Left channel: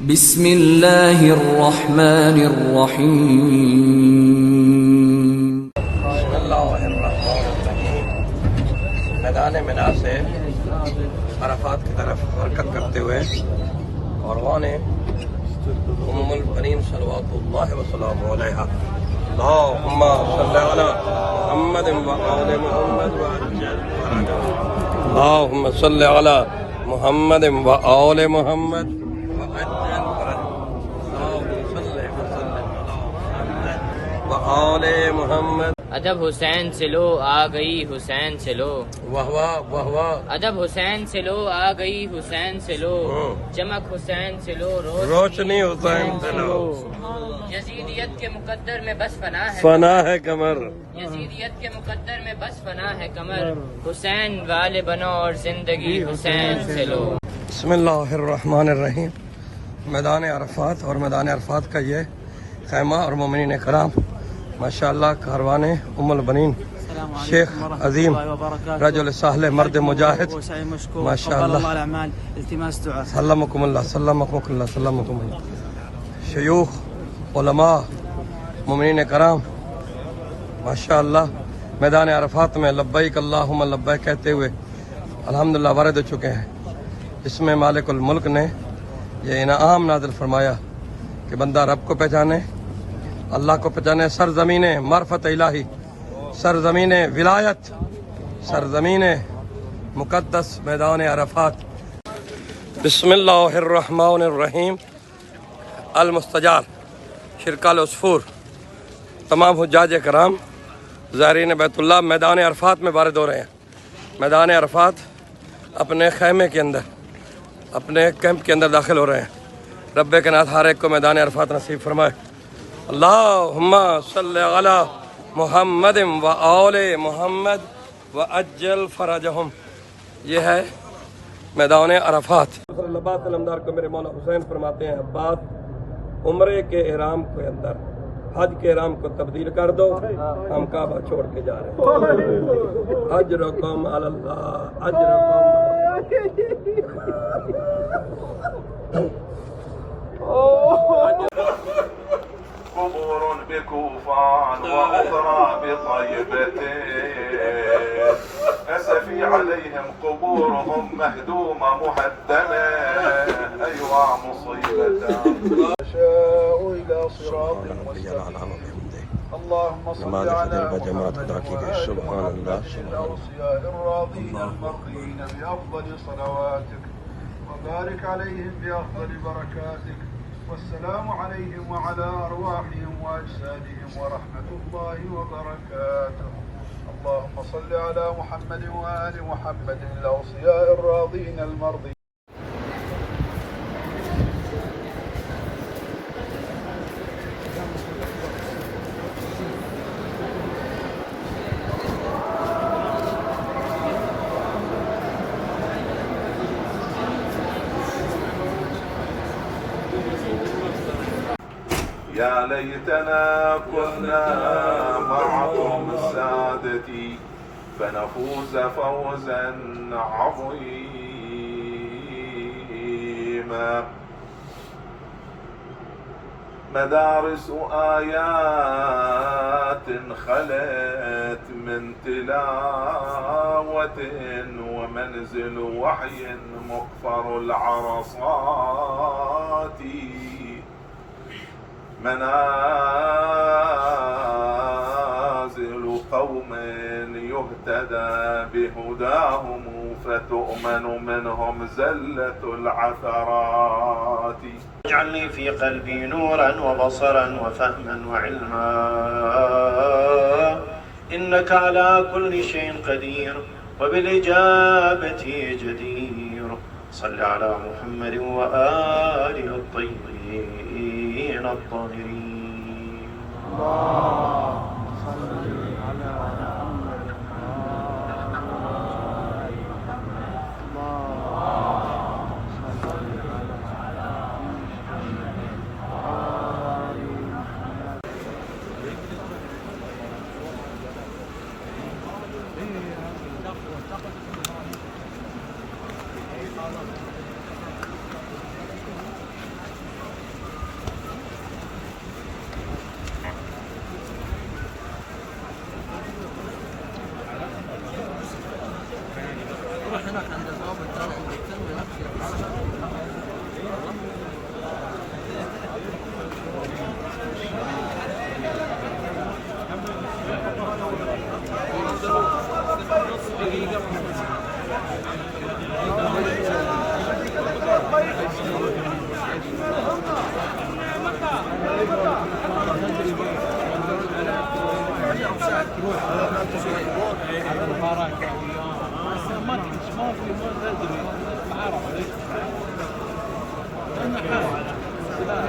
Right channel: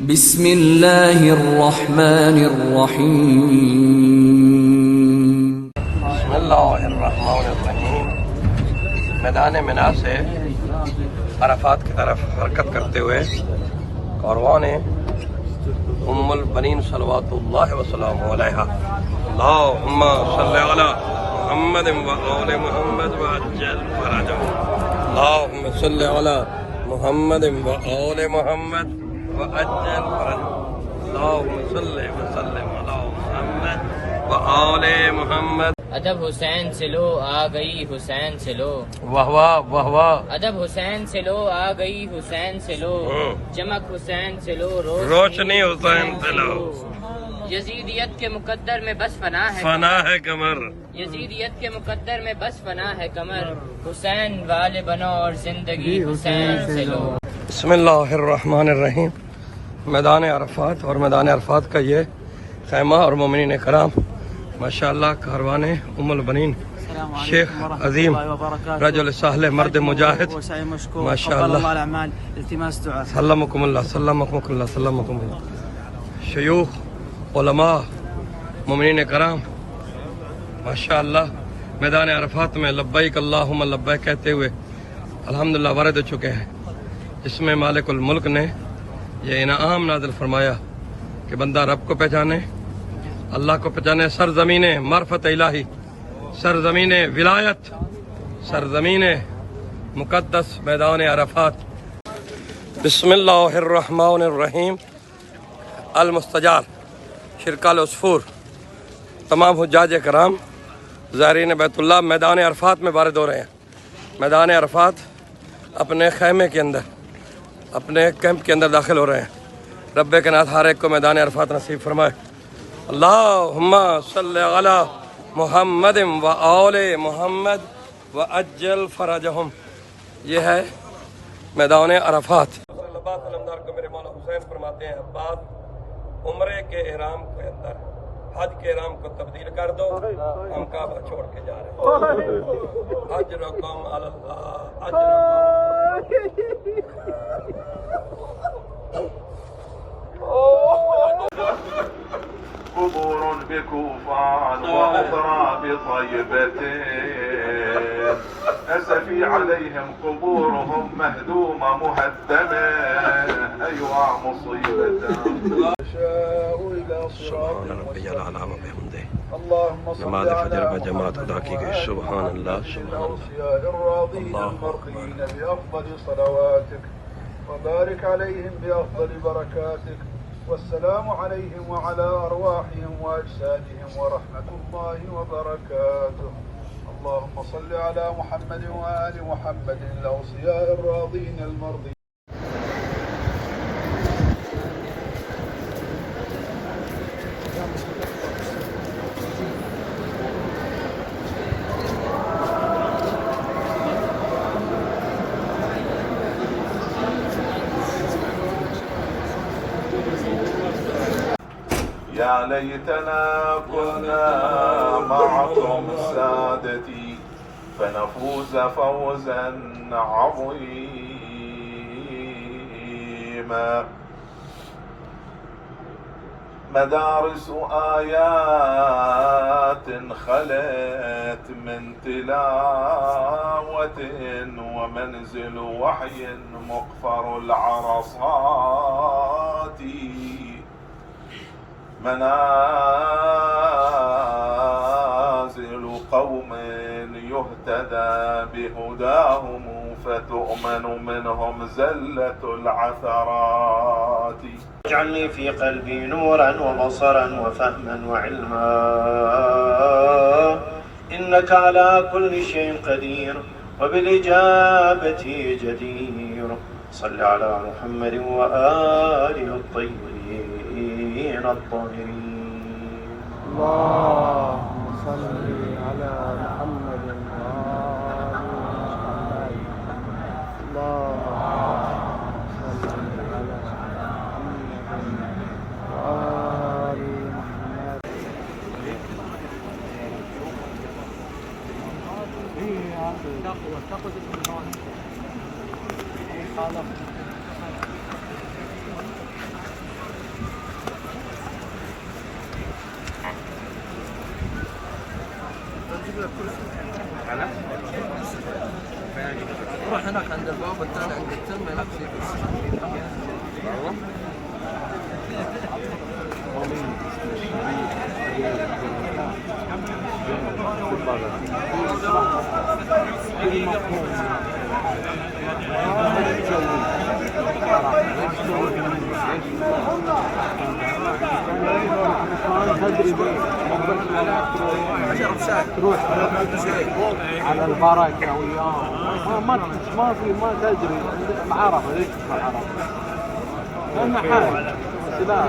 بسم اللہ الرحمن الرحیم۔ بسم اللہ الرحمن الرحیم۔ میدان منا سے عرفات کی طرف حرکت کرتے ہوئے کاروان ام البنین صلوات اللہ وسلام علیہا اللہم صلی علی محمد و آل محمد وعجل فرجهم اللہم صلی علی محمد و آل محمد وعجل فرجهم اللہم صلی وسلم علی محمد و آل محمد۔ ادب حسین سے لو آ گئی حسین سے لو، واہ واہ واہ واہ۔ ادب حسین سے لو آ گئی حسین سے لو، چمک حسین سے لو روشنی حسین سے لو، یزیدیت کے مقدر میں بس فنا ہے، فنا ہے کمر، یزیدیت کے مقدر میں بس فنا ہے کمر، حسین والے بنو اور زندگی حسین سے لو۔ بسم اللہ الرحمن الرحیم۔ میدان عرفات اور میدان عرفات کا یہ خیمہ اور مومنین کرام ماشاءاللہ کاروان ام البنین شیخ عظیم رجل صالح مرد مجاہد ماشاءاللہ سلمکم اللہ سلمکم اللہ سلمکم اللہ، شیوخ علماء مومنین کرام ماشاءاللہ میدان عرفات میں لبیک اللہم لبیک کہتے ہوئے الحمدللہ وارد ہو چکے ہیں۔ اس میں مالک الملک نے یہ انعام نازل فرمایا کہ بندہ رب کو پہچانے، اللہ کو پہچانے، سرزمین معرفت الہی، سرزمین ولایت، سرزمین مقدس میدان عرفات۔ بسم اللہ الرحمن الرحیم۔ المستجار شرکا العصفور تمام حجاج کرام زائرین بیت اللہ میدان عرفات میں وارد ہو رہے ہیں۔ میدان عرفات اپنے خیمے کے اندر، اپنے کیمپ کے اندر داخل ہو رہے ہیں۔ رب کے ناتھ ہر ایک کو میدان عرفات نصیب فرمائے۔ اللہم صلی علی محمد و آل محمد و اجل فرجہم۔ یہ ہے میدان عرفات۔ لباس علمدار کو میرے مولا حسین فرماتے ہیں عباس عمرے کے احرام کے اندر حج کے احرام کو تبدیل کر دو، ہم کعبہ چھوڑ کے جا رہے ہیں۔ اجرکم علی اللہ، اجرکم قبور بكوفان وأخرى بطيبتين، أسفي عليهم قبورهم مهدومة مهدمة، أيها مصيبة شاء إلى صراط مستقيم اللهم صل على محمد سبحان اللہ المرضين بأفضل صلواتك وبارك عليهم بأفضل بركاتك، والسلام عليهم وعلى أرواحهم وأجسادهم ورحمة الله وبركاته۔ اللهم صل على محمد وآل محمد الأوصياء الراضين المرضين۔ يا ليتنا كنا معكم سادتي فنفوز فوزا عظيما، مدارس آيات خلت من تلاوة، ومنزل وحي مقفر العرصات، منازل قوم يهتدى بهداهم فتؤمن منهم زلة العثرات، اجعلني في قلبي نورا وبصرا وفهما وعلما، إنك على كل شيء قدير وبالإجابة جدير، صل على محمد وآله الطيبين الطاهرين۔ اللهم صل على تروح على البركة وياهم ما تدري العرب ليش لأن حال سلاح